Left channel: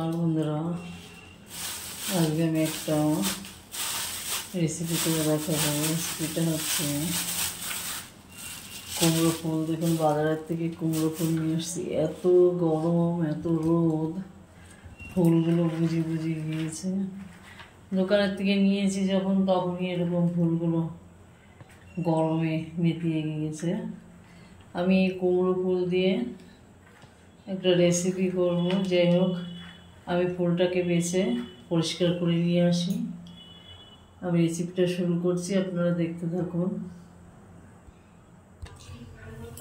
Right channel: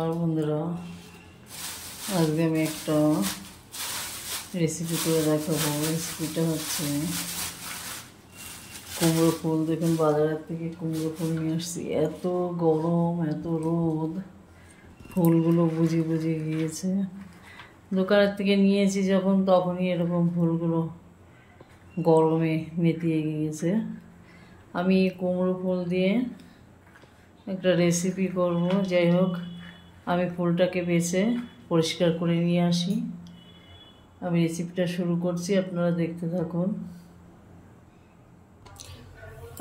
আর বন্ধুরা, আজকে আমি একটা রেসিপি করে দেখাবো। রেসিপিটা হচ্ছে কুমড়ো ফুল। দেখুন, বাজারের থেকে কুমড়ো ফুল নিয়ে আসছি। এত গরম, এত রোদ, ফুলগুলো বুঝি গিয়েছে। দোকানের থেকে নিয়েছি যখন, তখনই এরকম ফুলগুলো গরমে নেতিয়ে গিয়েছে। আমি কুমড়ো ফুল দিয়ে একটা রেসিপি করব। যাই হোক, আমি ফুলটাকে বেছে পরিষ্কার করে নিয়ে আসি। আমি রেসিপিটা শুরু করছি, আপনারা দেখতে থাকুন।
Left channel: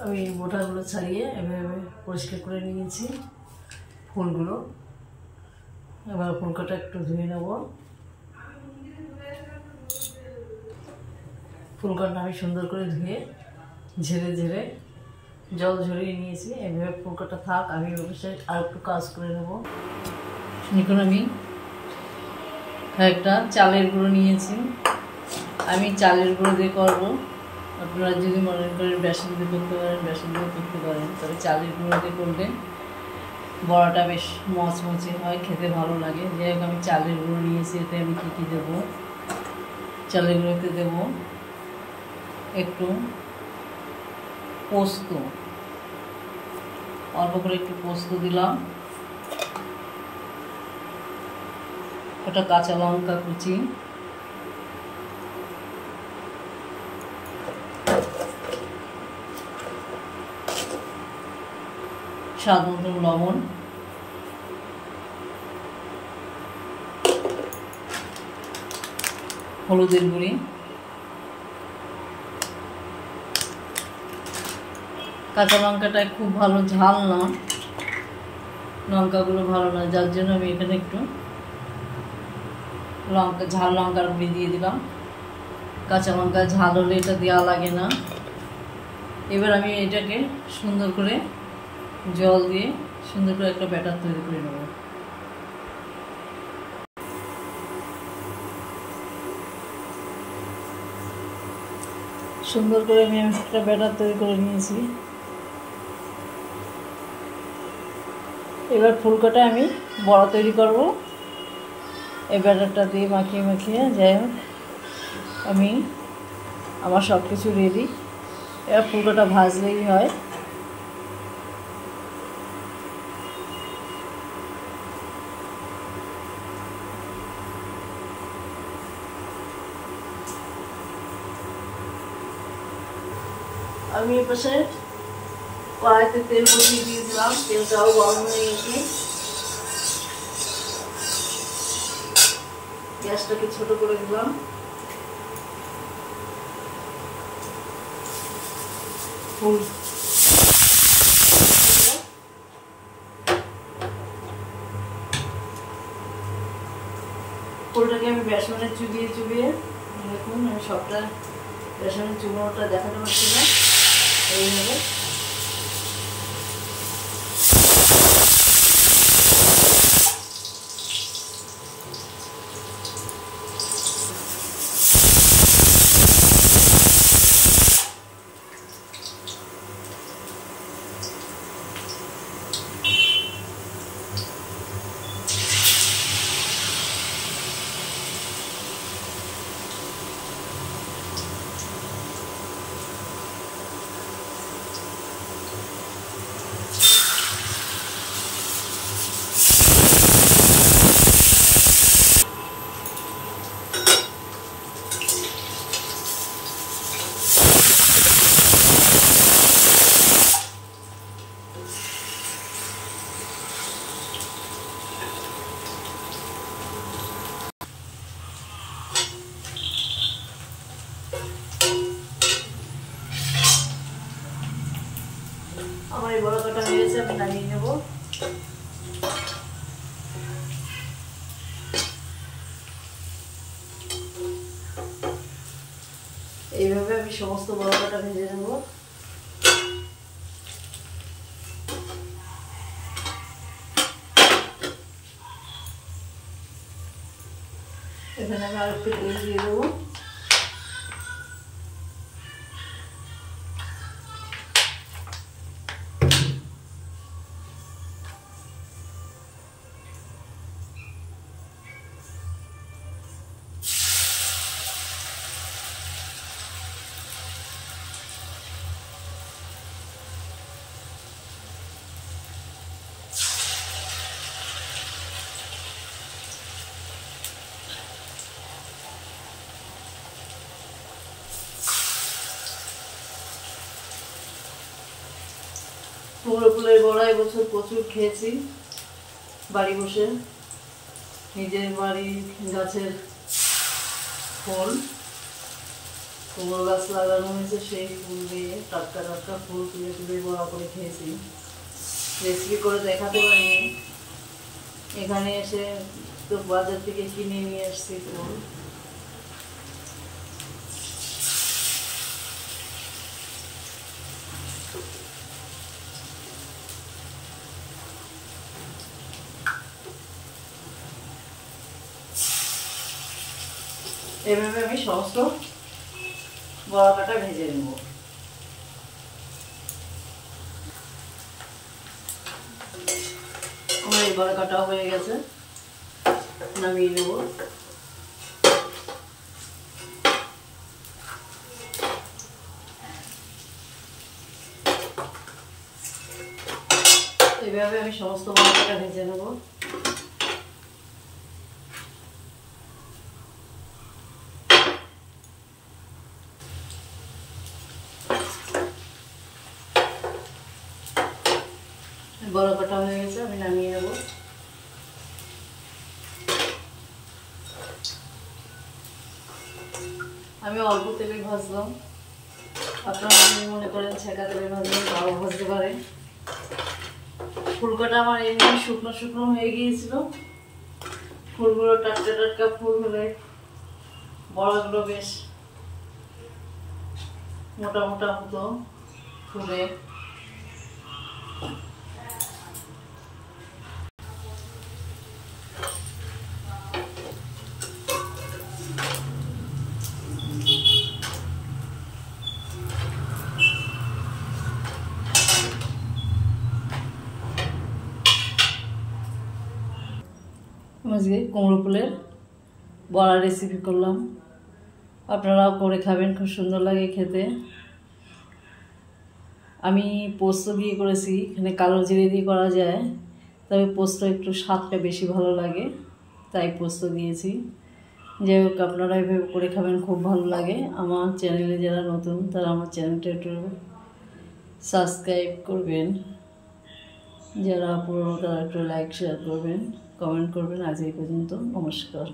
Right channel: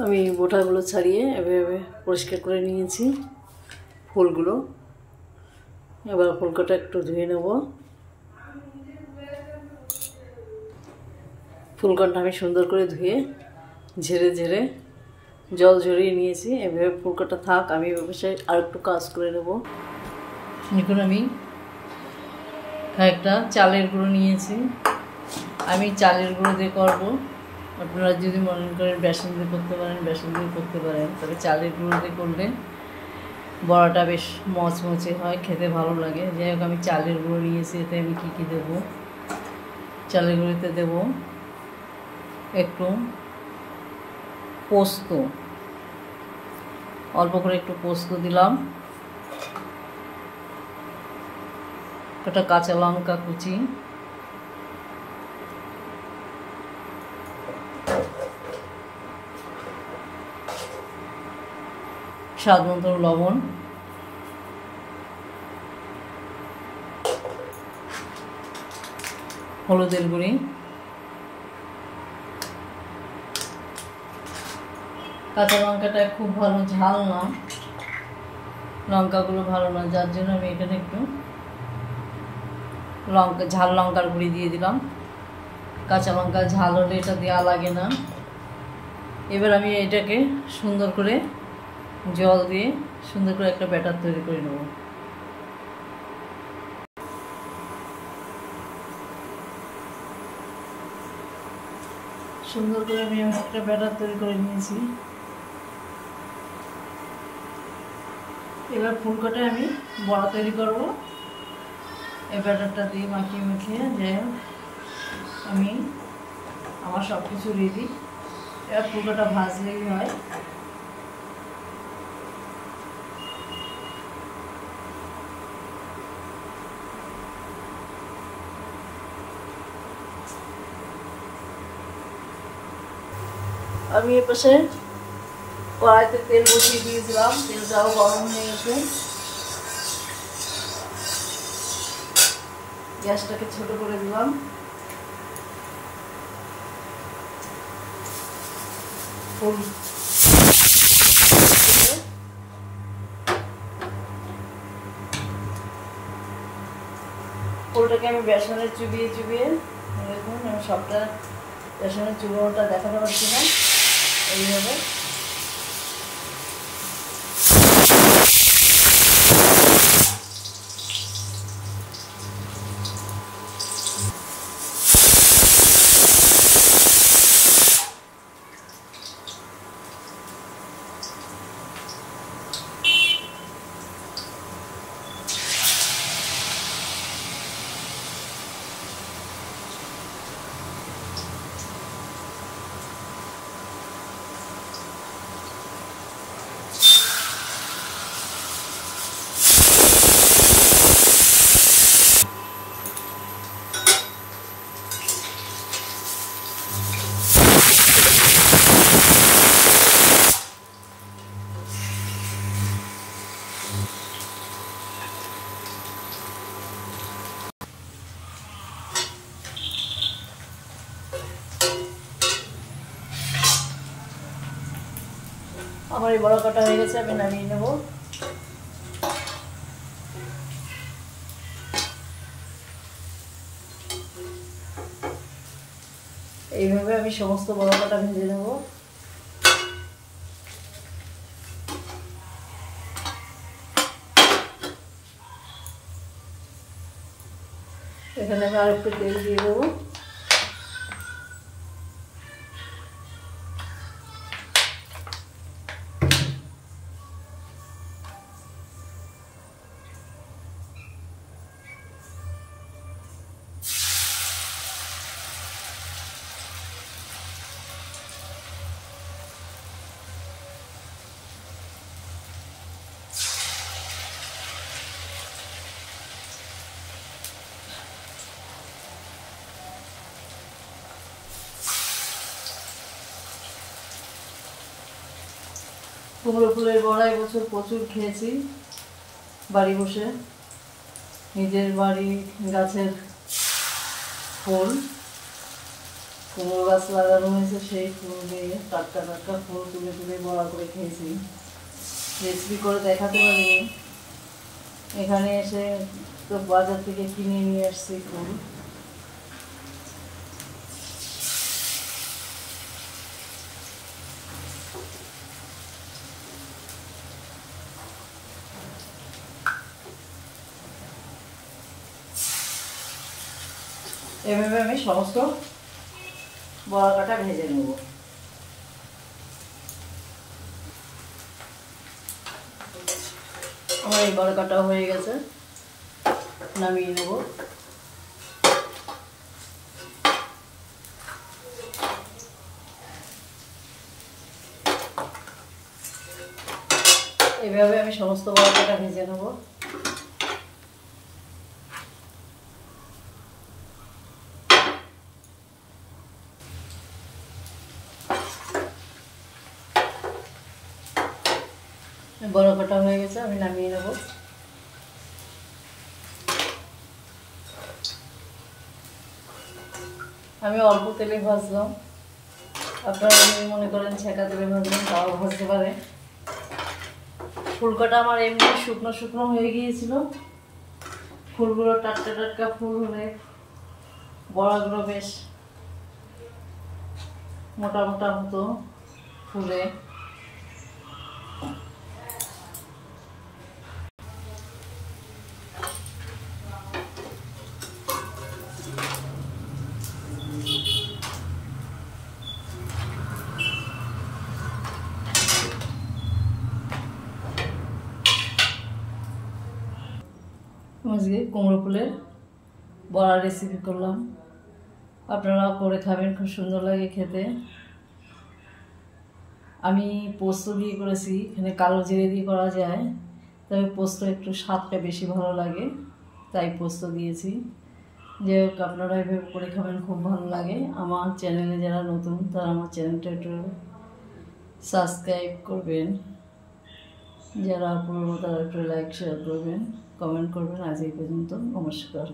আমি বোটাগুলো ছাড়িয়ে এভাবে পরিষ্কার করে নিয়েছি ফুলগুলো। এবার ফুলকোটা একটু ধুয়ে নেব। ফুলকোটা আমি সুন্দর করে ধুয়ে ঝেড়ে জল ঝরিয়ে নিয়েছি। এভাবে ফুলকোটা থাক, আমি ব্যবসায় আর একটু কাজ করে নেব। এখন আমি একটা চালের গুঁড়ো নিয়েছি। আমি চালের গুঁড়ো দিয়ে করবো। আপনারা যদি মনে করেন বেসন দিয়ে করতে পারেন, বেসন দিয়ে করতে পারেন, তবে চালের গুঁড়ো দিয়ে করলে বড়াটা বেশ মচমচে হয়, খেতে ভালো লাগে। যাই হোক, আমি চালের গুঁড়ো নিয়েছি। এতে আমি কী দেবো? চালের গুঁড়োতে দেব একটু পোস্ত, অল্প করে একটু পোস্ত দিলাম, একটা কাঁচা লঙ্কা কুচি, স্বাদ মতো লবণ, হলুদের গুঁড়ি, কাঁচা লঙ্কাটা খুব ভালো ঝাল না, লঙ্কাগুলো ভালো না, যার জন্য আমি এখানে একটু ঝাল লঙ্কার গুঁড়ি দিয়ে দিলাম। কাঁচা লঙ্কা ঝাল হলে এটা দেওয়া লাগে না। এবার আমি এটাকে সুন্দর করে জল দিয়ে সুন্দর করে একটা ব্যাটার তৈরি করে নেব। সুন্দর করে আমি একটা ব্যাটার তৈরি করে নিয়েছি। এবার ফুলকোটা আমি বড়া তৈরি করব। এই ব্যাটারটা দিয়ে মাখিয়ে যাই হোক, আমার সব কিছু রেডি। এবার ফুলকোটা ভাজলেই হয়। আমি এপাশে কড়াইতে তেল বসিয়ে দিয়েছিলাম, তেলটাও গরম হয়ে গেছে। গ্যাসটাকে ছোট করে দিলাম। ফুলটাকে আমি বেসনে চুবিয়ে দেখুন, আমি সবটা বেসনের চুবড়োটা দেখাতে পারছি না। এইভাবে আমার এই বড়া কাটা হয়ে গেছে, আমি নামিয়ে নেব। এইভাবে আমি সমস্ত বড়া কাটা ভেজে নেব। এখানে আমি আরেকটু তেল দিয়ে দেবো। কুমড়ো ফুলের বড়া এবছর প্রচুর খেয়েছি বাড়ি বসে, নিজের বাড়ির গাছের ফুল, কুমড়ো গাছ লাগানো হয়েছে, সেই ফুল দিয়ে টাটকা টাটকা ফুল তুলে তুলে বড়া করে খেয়েছি। রেসিপি করে দেখাতে পারিনি, এখানে এসে তো বাজার থেকে কিনে নিয়ে আসছি ফুল। এভাবে আমি সমস্ত বড়াটা ভেজে নেব। আমার এই বড়াটা হয়ে গেছে, নামিয়ে নেব। এভাবে আমি সমস্ত বড়াটা ভেজে নেব। বড় কাটা হয়ে গেছে, আমি নামিয়ে নেব। আমি অল্প তেলে ভাজলাম, আপনারা যদি মনে করেন ছেঁকা তেলে ভাজলে তাও ভাজতে পারে। ফুলকটা আমার এমনি শুকনো শুকনো হয়ে গিয়েছিল, ফুলগুলো টাটকা টাটকা ফুল হলে বড়াগুলো বেশ মোটা মোটা হতো ফুলে। আজকে কুমড়ো ফুলের বড়া রেসিপি করলাম, আপনারাও করে খাবেন, খুব সুন্দর লাগে খেতে। আমি পোস্ত দিয়ে করেছি, এখানে কালো জিরে দিয়ে করা যায়, তবে পোস্ত একটু স্বাদটা বেশি ভালো লাগে, তাই পোস্ত দিয়েছি। যাই হোক, আপনারা এভাবে করে খাবেন, খুব ভালো লাগে। আমার চ্যানেলে যারা নতুন তারা আমার চ্যানেলটা একটু সাবস্ক্রাইব করবেন, যারা পুরনো তারা একটু লাইক শেয়ার করবেন, কমেন্ট করবেন। আজ এই পর্যন্ত, নমস্কার।